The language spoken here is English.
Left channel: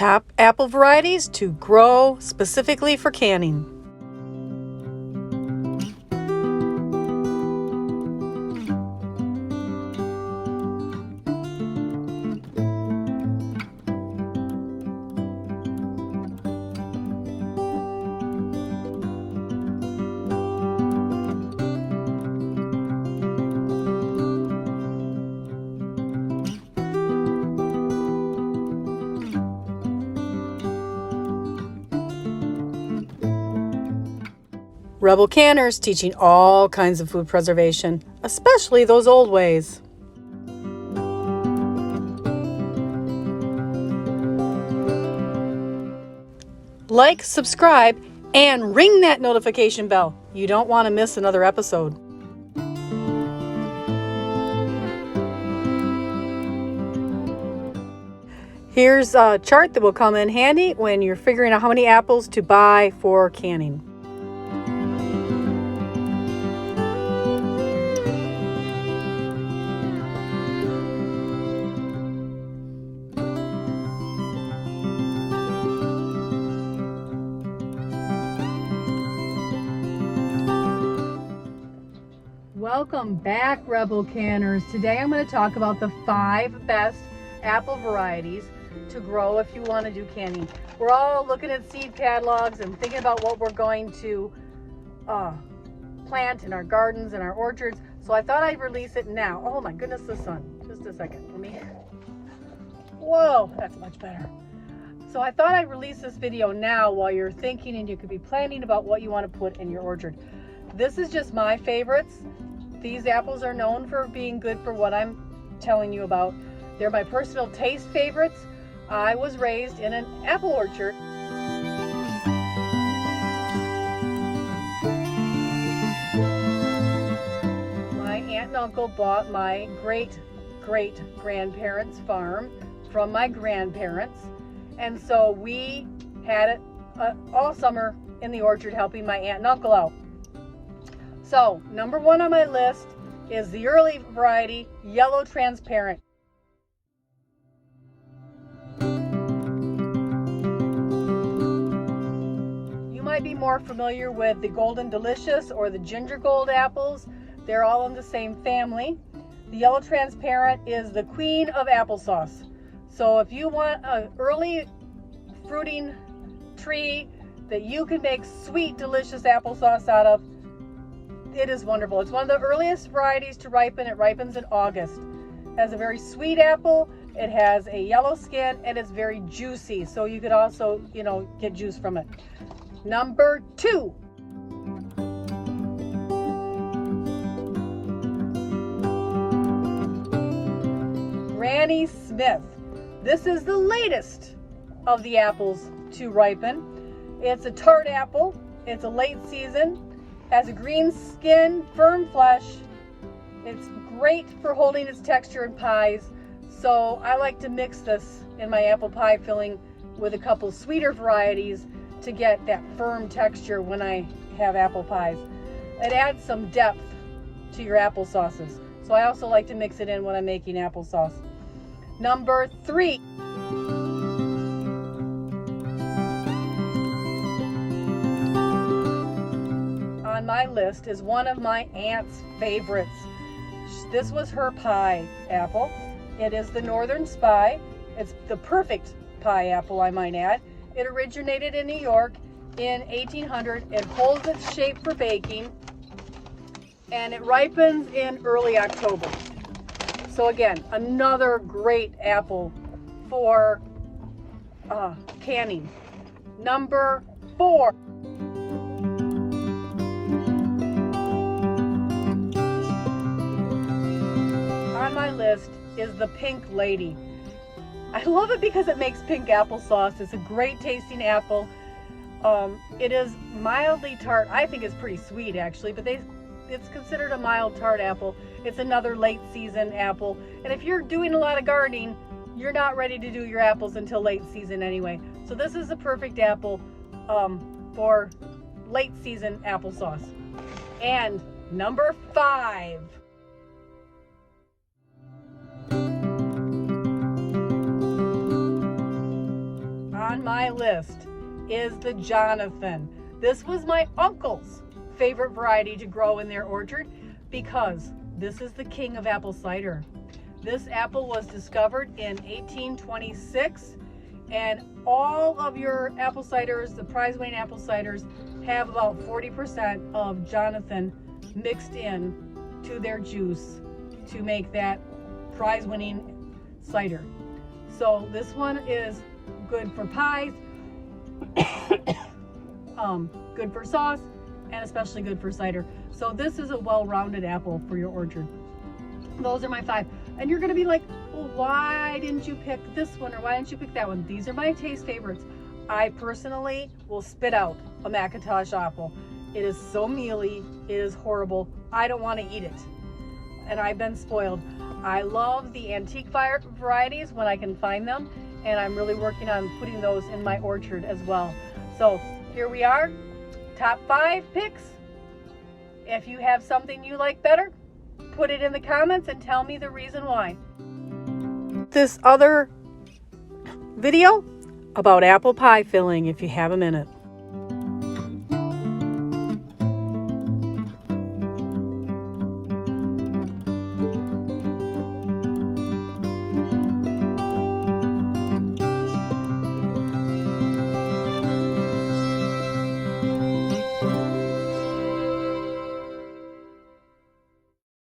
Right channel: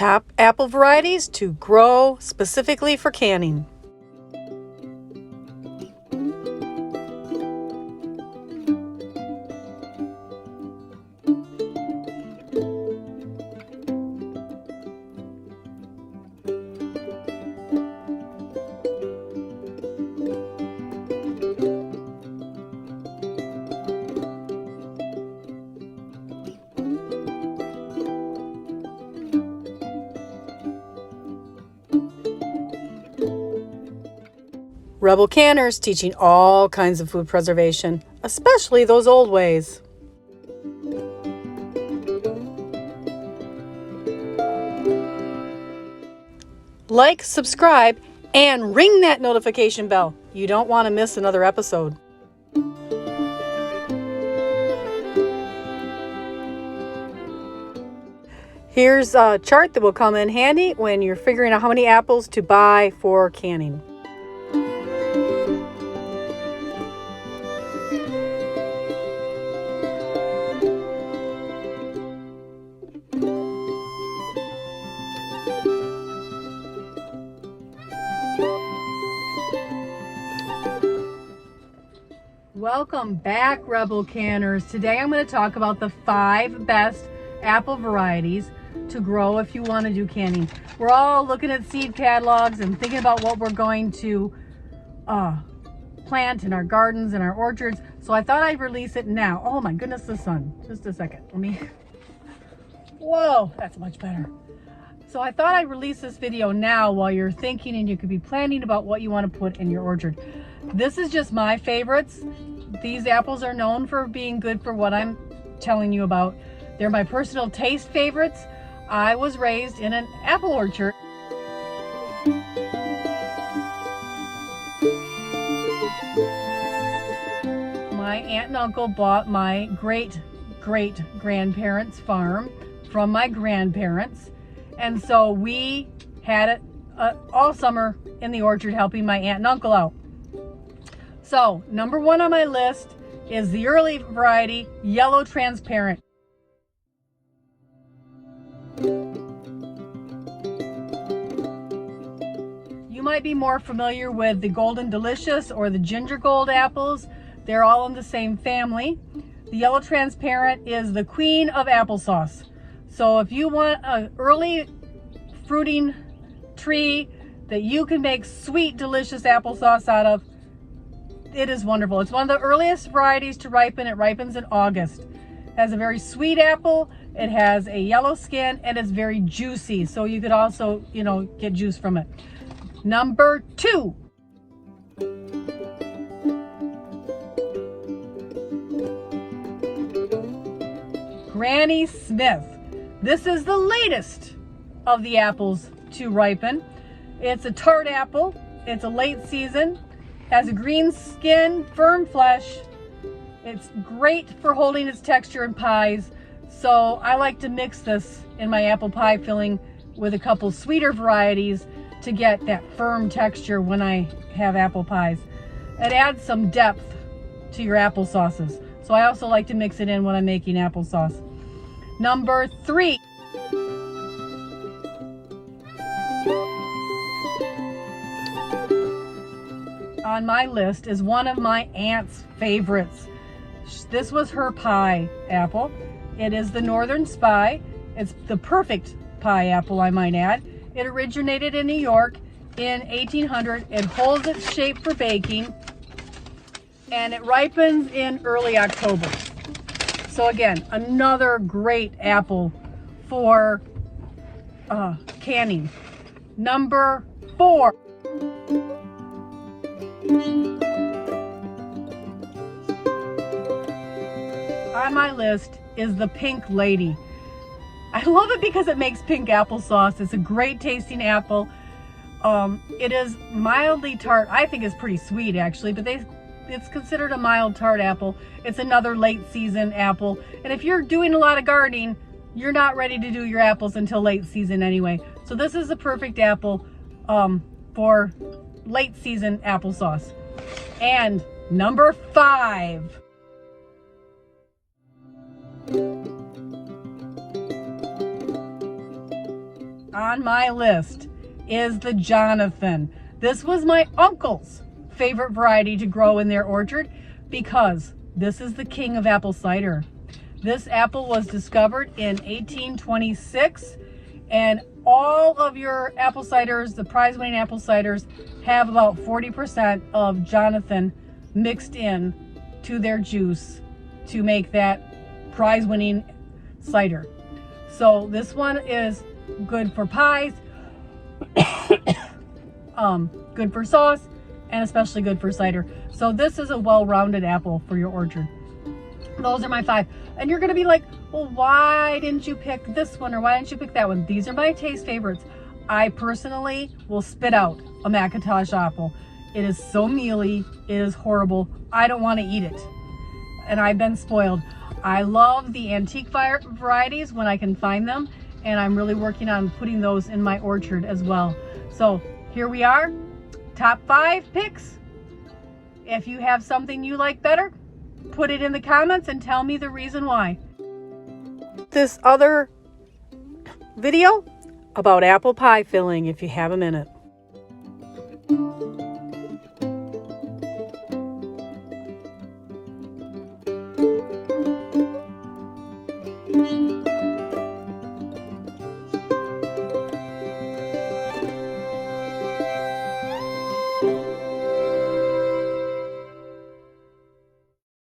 top apple varieties to grow specifically for canning. Rebel canners teaching all kinds of food preservation, especially those old ways. Like, subscribe, and ring that notification bell. You don't want to miss another episode. Here's a chart that will come in handy when you're figuring out how many apples to buy for canning. Welcome back, Rebel Canners. Today I'm going to talk about the 5 best apple varieties to grow if you want to do canning. We're all looking at seed catalogs and thinking about what we're going to plant in our gardens and our orchards. So I thought I'd release it now. Oh my goodness, the sun. Just a second. Let me. Whoa, that's much better. So I thought I'd release this video now while you're thinking and you could be planning about what you want to put in your orchard. This is just my favorites. These apples are known for being good for what I'm telling you about. They're my personal taste favorites. I was raised in an apple orchard. My aunt and uncle bought my great-great-grandparents' farm from my grandparents. And so we had it all summer in the orchard helping my aunt and uncle out. So, number 1 on my list is the early variety, yellow transparent. You might be more familiar with the Golden Delicious or the Ginger Gold apples. They're all in the same family. The yellow transparent is the queen of applesauce. So if you want an early fruiting tree that you can make sweet, delicious applesauce out of, it is wonderful. It's one of the earliest varieties to ripen. It ripens in August. It has a very sweet apple. It has a yellow skin and it's very juicy. So you could also, get juice from it. Number 2. Granny Smith. This is the latest of the apples to ripen. It's a tart apple. It's a late season. Has a green skin, firm flesh. It's great for holding its texture in pies. So I like to mix this in my apple pie filling with a couple sweeter varieties to get that firm texture when I have apple pies. It adds some depth to your apple sauces. So I also like to mix it in when I'm making applesauce. Number 3. On my list is one of my aunt's favorites. This was her pie apple. It is the Northern Spy. It's the perfect pie apple, I might add. It originated in New York in 1800. It holds its shape for baking and it ripens in early October. So again, another great apple for canning. Number 4. On my list is the Pink Lady. I love it because it makes pink applesauce. It's a great tasting apple. It is mildly tart. I think it's pretty sweet actually, but it's considered a mild tart apple. It's another late season apple. And if you're doing a lot of gardening, you're not ready to do your apples until late season anyway. So this is the perfect apple for late season applesauce. And number 5. on my list is the Jonathan. This was my uncle's favorite variety to grow in their orchard because this is the king of apple cider. This apple was discovered in 1826, and all of your apple ciders, the prize-winning apple ciders, have about 40% of Jonathan mixed in to their juice to make that prize-winning cider. So this one is good for pies, good for sauce, and especially good for cider. So this is a well-rounded apple for your orchard. Those are my 5. And you're gonna be like, well, why didn't you pick this one, or why didn't you pick that one? These are my taste favorites. I personally will spit out a Macintosh apple. It is so mealy, it is horrible. I don't want to eat it. And I've been spoiled. I love the antique varieties when I can find them, and I'm really working on putting those in my orchard as well. So here we are, top 5 picks. If you have something you like better, put it in the comments and tell me the reason why. This other video about apple pie filling if you have a minute.